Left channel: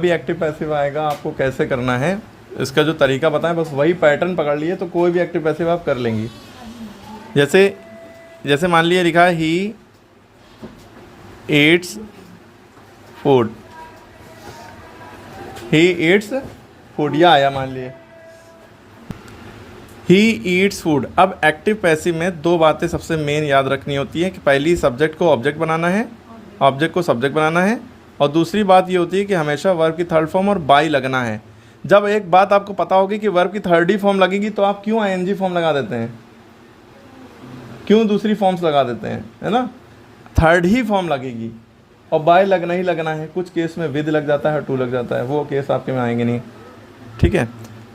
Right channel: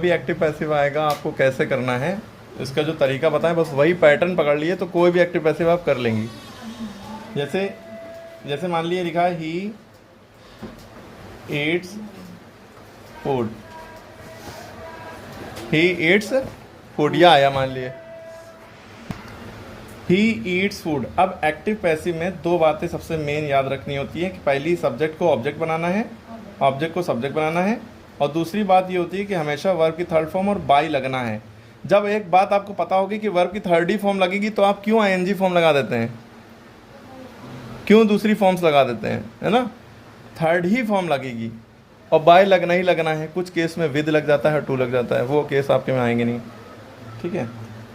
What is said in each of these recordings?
भी active passive आएगा आपको कैसे करना है, इसका जो तरीका बताएं, बस वही पैटर्न पकड़ लिए तो कोई भी एक्टिव पैसिव आप कर लेंगी। जैसे जैसे मान लिया लिखा है he eats food, he eats food, या आया मान लिए ही ईट्स फूड। अब एक्टिव पैसिव में दो बातें सबसे मेन याद रखनी होती है कि पहली सब्जेक्ट को ऑब्जेक्ट बनाना है, ऑब्जेक्ट को सब्जेक्ट बनाना है, और दूसरी बात ये होती है कि हमेशा वर्ब की थर्ड फॉर्म और बाई लगना है। जब एक बात आपको पता होगी कि वर्ब की थर्ड ही फॉर्म लगेगी तो आप क्यों आईएनजी फॉर्म लगा देते हैं, क्यों दूसरी फॉर्म्स लगा देते हैं, है ना। थर्ड ही फॉर्म लगेगी और बाय लगना ही लगना है। कुछ केस में विद लग जाता है, टू लग जाता है, वो केस आपके में आएंगे नहीं, ठीक है।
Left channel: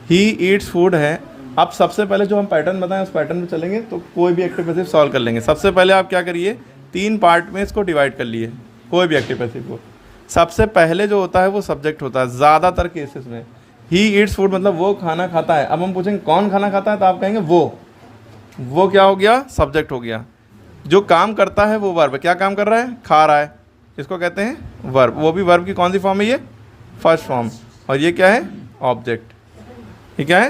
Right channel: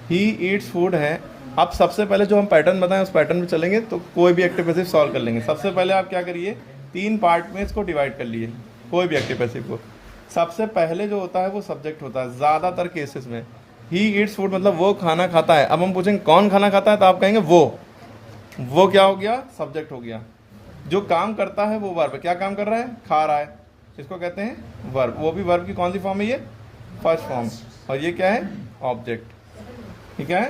ही ईट्स फूड है। अब सबसे पहले जो हम पैटर्न बताएं उस पैटर्न में चलेंगे तो कोई भी एक्टिव पैसिव सॉल्व कर लेंगे। सबसे पहले आप क्या करिए, 3 पार्ट में इसको डिवाइड कर लिए कोई भी एक्टिव पैसिव को। सबसे पहले जो होता है वो सब्जेक्ट होता है ज़्यादातर केसेस में। ही ईट्स फूड मतलब वो खाना खाता है। अब हम पूछेंगे कौन खाना खाता है तो आप कहेंगे वो क्या हो गया, सब्जेक्ट हो गया। जो काम करता है वो वर्ब, क्या काम कर रहा है, खा रहा है, इसको कहते हैं वर्ब। वो भी वर्ब की कौन सी फॉर्म है, ये फर्स्ट फॉर्म, और ये क्या है, ऑब्जेक्ट, ठीक है।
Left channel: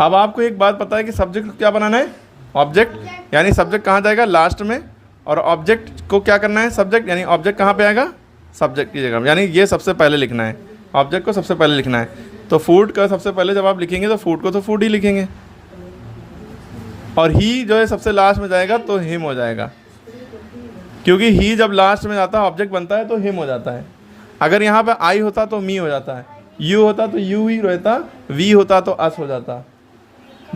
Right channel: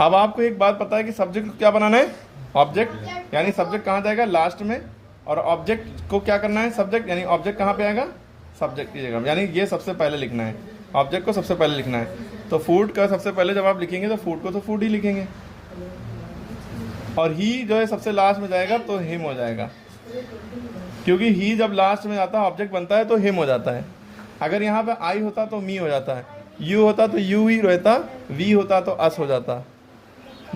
अब आपको एक बात पता है कि सब्जेक्ट को क्या बनाना है, ऑब्जेक्ट, यानी सब्जेक्ट कहाँ जाएगा, लास्ट में, और ऑब्जेक्ट को क्या करना है, सब्जेक्ट, यानी ऑब्जेक्ट कहाँ पे आएगा, सब्जेक्ट की जगह, यानी ये सबसे पहले लिखना है, ऑब्जेक्ट को सबसे पहले लिखना है। तो फूड का सबसे पहले जब आप लिखेंगे तो फूड को तो फूड ही लिखेंगे, और ही जो है सबसे लास्ट में जाएगा तो हिम हो जाएगा, क्योंकि ही जब लास्ट में जाता है ऑब्जेक्ट बनता है तो हिम हो जाता है। अगर यहाँ पे आई होता तो मी हो जाता है, यू होता तो यू ही रहता, वी होता तो अस हो जाता,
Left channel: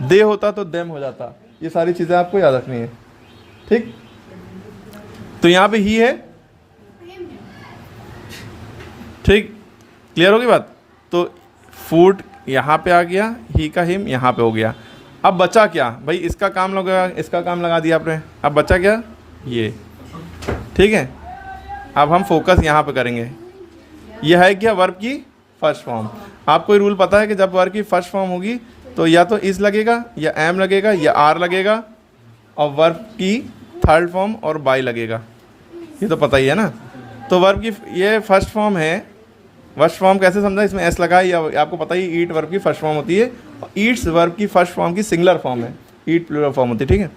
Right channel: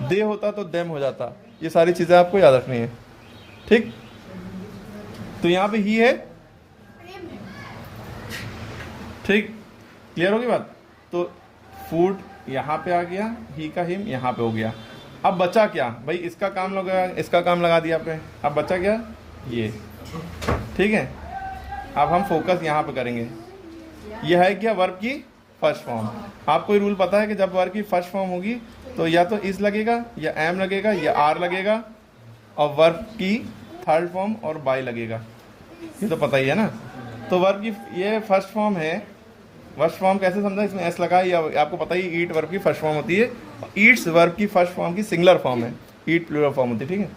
दे होता तो देम हो जाता। ये सारी चीज़ें आपको याद रखनी है, ठीक। तो यहाँ पे ही है, ठीक, क्लियर होगी बात। तो फूड यहाँ पे आ गया, ही का हिम यहाँ पे हो गया। अब बचा क्या भाई, इसका काम लगा, इसका काम लगा दिया आपने, अब बचा क्या, ये, ठीक है। अब हम फोकस यहाँ पे करेंगे। यह है क्या, वर्ब की फर्स्ट फॉर्म। आपको ये रूल पता है कि जब वर्ब की फर्स्ट फॉर्म होगी तो या तो इज लगेगा, या एम लगेगा, या आर लगेगा, और वर्ब की थर्ड फॉर्म और बाय लगेगा, ये तो पता ही है ना। तो वर्ब की ये फर्स्ट फॉर्म है। फर्स्ट फॉर्म कैसे समझा, इसमें एस लगा है, या आपको पता ही ईट वर्ब की फर्स्ट फॉर्म होती है, ईट्स वर्ब की फर्स्ट फॉर्म की सिंगुलर फॉर्म है, ईट प्लूरल फॉर्म होती है, ठीक है।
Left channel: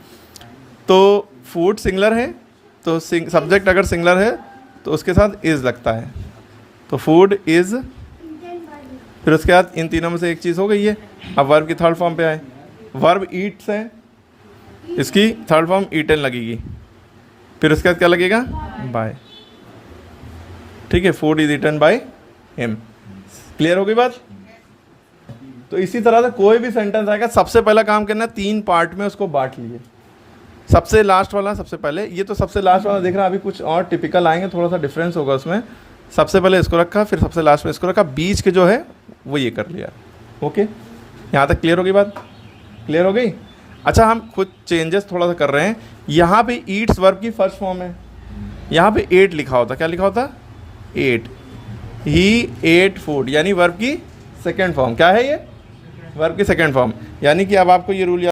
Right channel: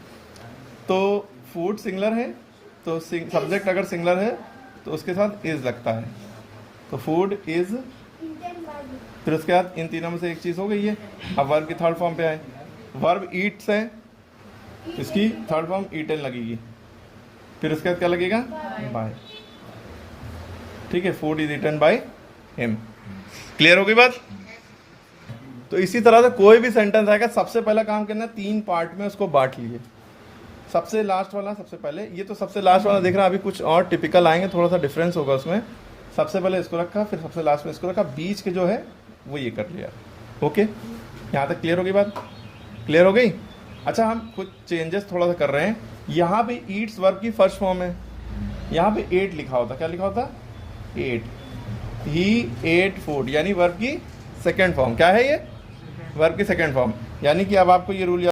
तो फूड सिंगुलर है तो सब्जेक्ट अगर सिंगुलर है तो उसके साथ इज लगता है, तो फूड इज। फिर उसके बाद इन तीनों में से एक चीज़ हो गई है। अब वर्ब की थर्ड फॉर्म पे आए, वर्ब ईट्स है, इसकी थर्ड फॉर्म ईटन लगेगी, फिर उसके बाद क्या लगेगा, बाय, ठीक है। Food is eaten by him, clear हो गई बात। तो इसी तरह से कोई भी सेंटेंस आएगा, सबसे पहला काम करना है 3 पार्ट में उसको बांट लिए। सबसे लास्ट वाला सबसे पहले, ये तो सबसे लास्ट वाला देख रहा, अभी कुछ और टिपिकल आएंगे, थोड़ा सा डिफरेंस होगा उसमें। सबसे पहले इसको रखा, फिर सबसे लास्ट में इसको रखा, बीच के जो है वो ये कर लिया। ओके, यहाँ तक क्लियर हो गई बात, क्लियर हो गई। अच्छा, हम कुछ चेंजेस थोड़ा सा कर रहे हैं। यहाँ पे ईट्स वर्ब की फर्स्ट फॉर्म है, यहाँ पे 8 लिखा होता, क्या लिखा होता, 8। ही एट फूड यानी वर्ब की सेकेंड फॉर्म, क्या है ये, वर्ब की सेकेंड फॉर्म। यानी कि अब आपको ये रूल